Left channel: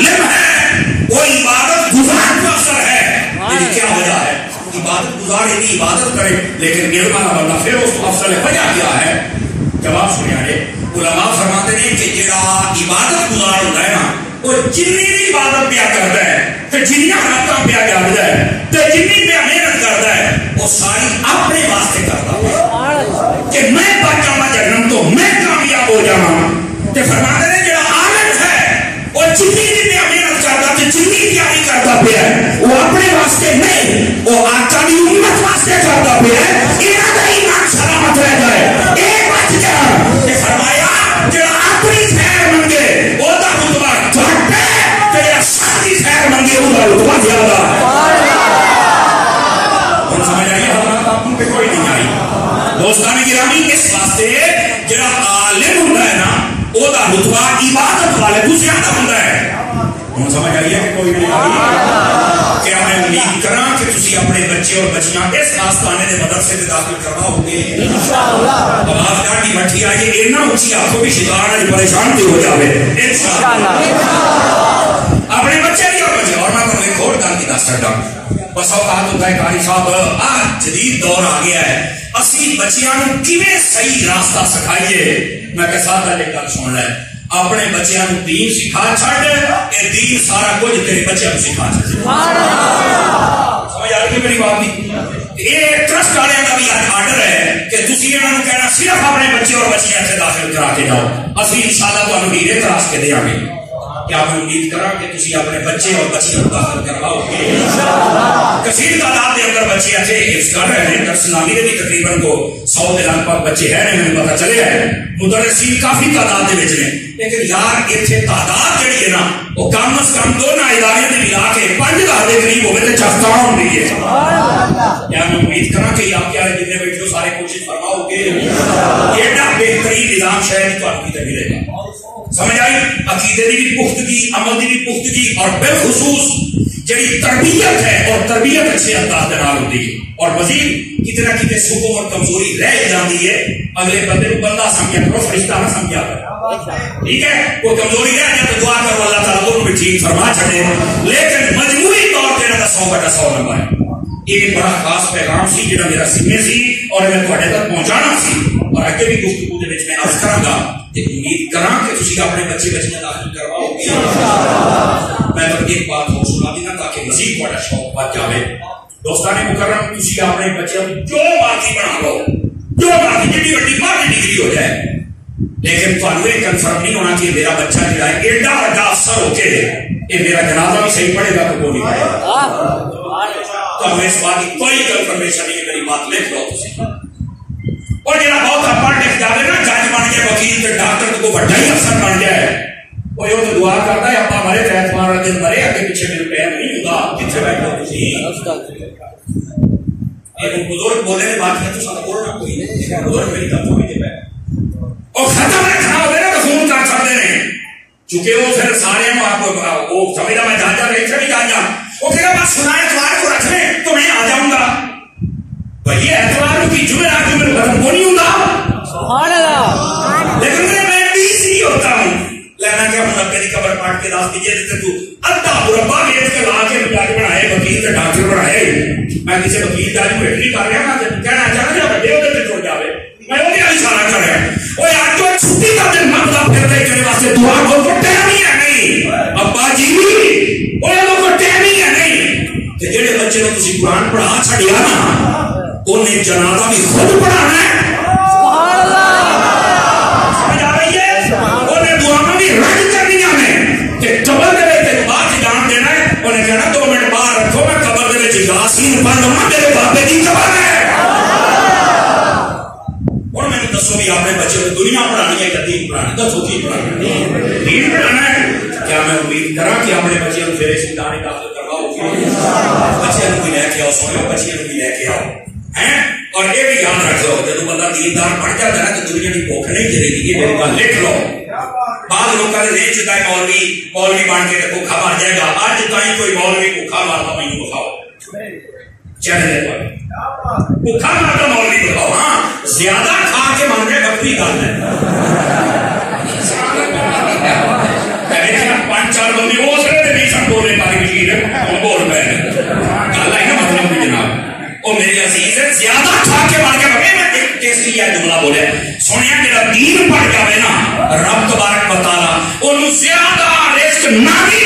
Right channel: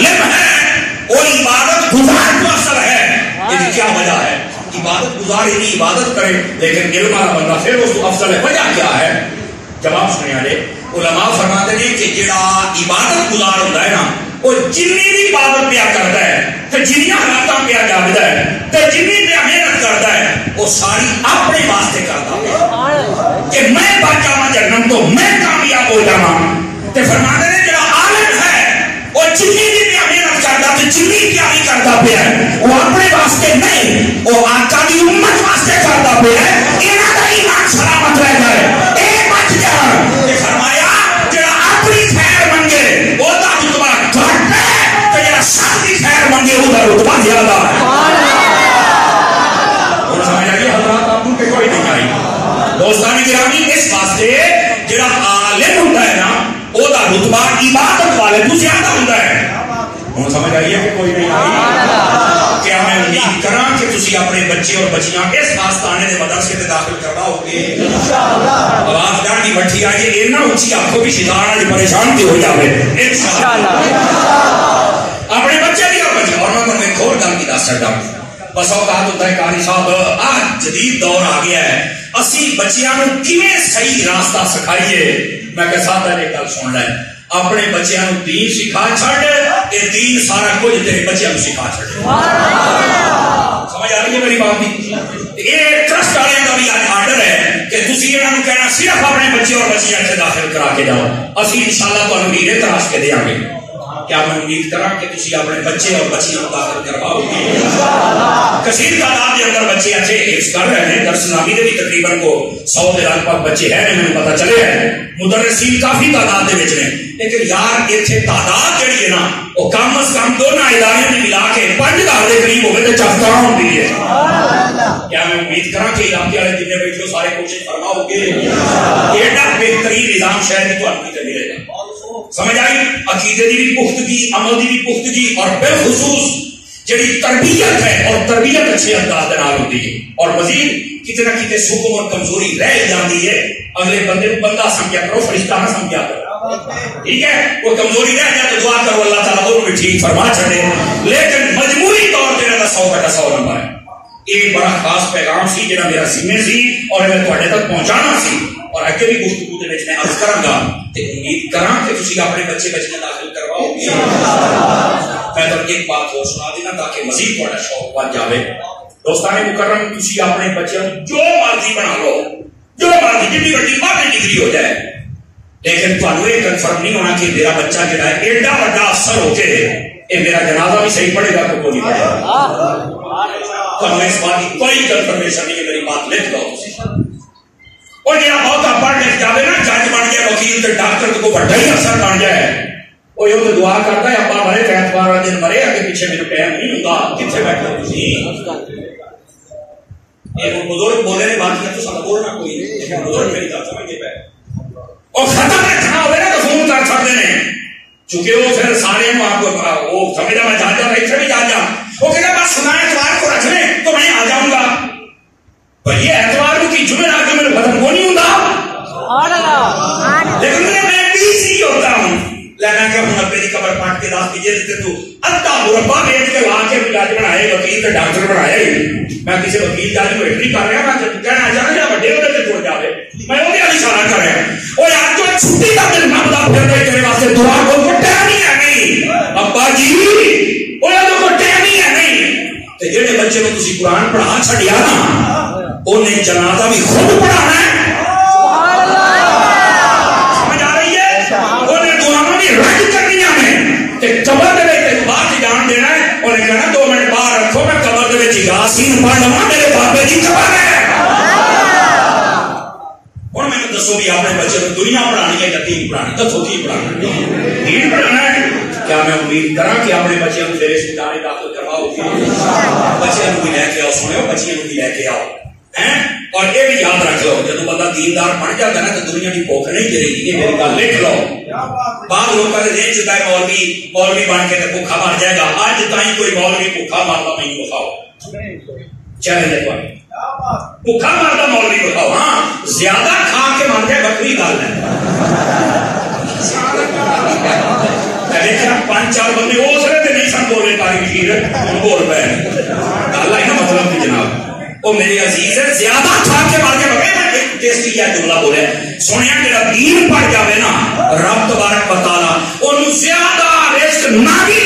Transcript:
عالم ہے وہ عبادت گزار کو اثر ہے. یہ کیا وجہ ہے؟ عبادت گزار یعنی عبادت کرے لیکن علم والا بندہ پھر اس کو افضل ہے. وجہ کیا ہے؟ جواب سنیا جی. علماء فرماتے ہیں کہ جڑا عبادت گزار ہوتا ہے نا وہ جنی بھی عبادت پیا کرتا ہے تو جنیا حالات پیا کرتا ہے تو جنی پیا محنت کرتا ہے وہ ساری اپنے واسطے کرتا ہے کہ میں پاک جانا جنم تو میں کامیاب ہو جاؤں. تو فرماتے ہیں جڑا عالم ہے وہ جنی بھی پیا محنت کرتا تو جنی تیاری کرتا پیا وہ اپنے واسطے نہیں وہ آقا کی امت واسطے کرتا پیا ہے. یہاں کا ایمان سلامت رہ جائے ایک بچ جائے. فرمایا جڑا اپنی خیر منگے وہ دا رتبہ گھٹ ہے تے یا ساری خیر منگے وہ دا رتبہ زیادہ ہے. اور سمجھ آئی حضرات آپ کو کوئی نہیں آئی. دوستان گرامی اس واسطے جڑا عالم ہوتا ہے نا وہ دا رتبہ عبادت والے کو زیادہ ہوتا ہے. ہوں سمجھ آئی ہے کہ کوئی نہیں آئی. کیا میں امید کراں کہ تسی اپنے بچے اور بچیاں اس آستانے دے مدرسے تے داخل کرواؤ گے. آواز ڈاڈی بٹھی آئی ہے اتنا اونچی آنکھوں بھی ستارہ جی پریشان کی ہو جاوے انشاءاللہ. اپنے بچے بھی اور بچے اور میں تمہیں ایک اور گل کی دس سکتا. بس اوقات ہوتا ہے قاری صاحب آج جدید دور آ گیا ہے اسی بچیاں نو کیویں صحیح راستہ سکھائیے. میں کہ صاحب ایک گل سن لے اپنے بچیاں نو دین سکھا چھڈ کہ دین سارا کچھ تیرے بچیاں نو سکھا چھڈ. سمجھ آ رہی ہے میری بات کی؟ یہ ٹرسٹ والے کا بھی آرڈر ہے کہ تسی انہاں نو کہنا صرف اپنے بچے اور بچیاں سے داخل کرا کے جاؤ اسی انشاءاللہ تانوں ہیرے تراش کے دیاں گے. کیا میں امید کراں کہ تسی اپنے بچے اور بچیاں داخل کرواؤ گے. کثیر تعداد کے اندر بچے اچھے حفظ کر رہے ہیں. درس نامی میں بھی تقریباً کو 100 کے لگ بھگ بچے ہیں ہمیں پتہ چلے ہیں. مدرسین کافی تعداد کے ہیں لیکن یار اتنے تعداد جہی ہے نا وہ کم از کم دونوں ادارے میں ملا کے 5000 کے قریب ہوگئے تو چفتہ ہوتی ہے. کیا میں امید کراں کہ آپ کے جتنے بیٹھے سارے کوشش فرماؤ گے. ایڈا بہترین نظام شہر کی تو آپ کی ملے گا. سمجھ آئی؟ عقیدے کی بھی پختگی عمل کی بھی پختگی اور بالخصوص جڑی تربیت ہے اور تربیت اچھے انداز ہوتی ہے. اور مزید کتنا کتنے سکون اور کمزوری رہ جاتی ہے اگلے بندے کو بندہ سمجھا کرو فرشتہ نہ سمجھا کرو. ٹھیک ہے وہ کمزوری رہ جائے تو دعا کرو اللہ تعالیٰ دونوں بھی ٹھیک فرما چھڑے. لیکن مجموعی طور پہ 100/100 نمبر ہے. یہ بڑا خاص پیغام سی جہاں میرا سینے سی اور میں تھوڑے تک پہنچانا سی اور اگے بھی گفتگو میں عرض کراں گا کہ امید کراں کہ تسی اپنے بچے بچیاں داخل کرواؤ گے. میں تو ایک بات اور سنا دینا تاکہ مزید تھوڑا شوق بڑھ جائے. دوستان مکرم تسی اپنے بچوں جو مرضی بنا لو جو مرضی جتنی بڑی مرضی ڈگری ہو جائے لیکن تمہیں یہ کنفرم نہیں ہونا کہ میرا بچہ جو ہے ایڈا بڑا افسر ہو کے یہ میرا جنازہ بھی صحیح پڑے گا تو کوئی نہیں پڑے گا. تمہیں اس بات کی کوئی کنفرمیشن نہیں. میری بات لکھ لو تسی. اور جہاں بہت پڑھ لکھ جائے نا جج بن کے وکیل کے ڈاکٹر کو بڑا ہی افسر بن جائے وہ یہ تو دعا کرتا ہے اپنا مرے ایتوار والا دن مرے اگے پیچھے میرے ٹائم نہیں ہوتا کتنے بیٹھے تھی. بزرگ بولے نے بات کیا تو سب بولنا کوئی نہیں. بزرگ میری گل سمجھ پہ اور ختم رکھنا ہوئے نا تو فون کر سکتے ہیں چونکہ وہ پھر سارے آپ کو وہ سمجھا میں جا رہی تھے بھی جا وہ کہ بس سنا اتوار کو رکھ لیں تو میں آ جاؤں گا. پر یہ اتوار کی جمعے آ کے میرے ختم وہ نہیں ہوگا لیکن میں BC ہوتا ہوں لینا کہ ہم نبے کی قبر پاٹ کے داخل کیجیے تو ادھا مربع بیچ کے لا کے جج بنائے وکیل کے ڈاکٹر بنائے. میں کسی وکیل جج کو ایڈری کر رہا میں کہنا چاہنا جا بڑے ہوتے چھوڑ جاوے میں وہ اشارہ کر رہا وہ یار تو چھٹی کا دن مطلب پھرتے تیرے واسطے دعا کو ٹائم ہی ہے نہیں ابا جی وہ تو ٹائم ہی ہے نہیں. جہے بچے کو تسی قرآن پڑھا چھڑیا نا انہیں جنازہ بھی خود پڑھانا ہے. سمجھ آ رہی ہے؟ انہیں دعاؤں بھی رکھ کرنی ہے کہ قبر دے کے بعد جان دینا ہے. انہیں کہنا 2 منٹ باہر رکھو میں قبر دے کے یاسین پڑھ لوں میرے بابے کی قبر ہے. اور میں نے دسو بھی اپنے بچے کو دنیا پڑھانی ہے یا دین پڑھانی دسو کی پڑھانی دین پڑھنا ہے. کیا میں امید کراں کہ اپنے بچے کو میرے سیدھانے داخل کرواؤ گے. بچے کو بھی لے کے آؤ سنو بچے کو بھی لے کے آؤ اور یہ بھی یاد رکھ لو جب بندہ دیندار بن جاتا ہے تو دنیا کی بھوک نہیں چلے گی. یہ میری گل لکھ لو. بعض لوگوں کا نہیں چکا ہے مولوی بن کے بھوکھا مر جائے گا. آج تھی کوئی مولوی بھوکھا مارتا نہیں بخاؤ چلے بھوکھا مارتا مولوی بخاؤ. ہاں زیادہ کھا کے مر جائے بکری گل ہے دیکھا 5-4 بندے اس نے نہیں سن بولے پائی کی بول پہ اللہ ہی مطلب بھی جناب وہ میرے عزیز ہے زیادہ کھا کے مار کے بگے میں ایک ٹیسٹی کیا جملہ بولے سنیا میرا دین پڑھ جاوے نا رب تبارک و تعالی انہوں زیادہ رزق نہ بھی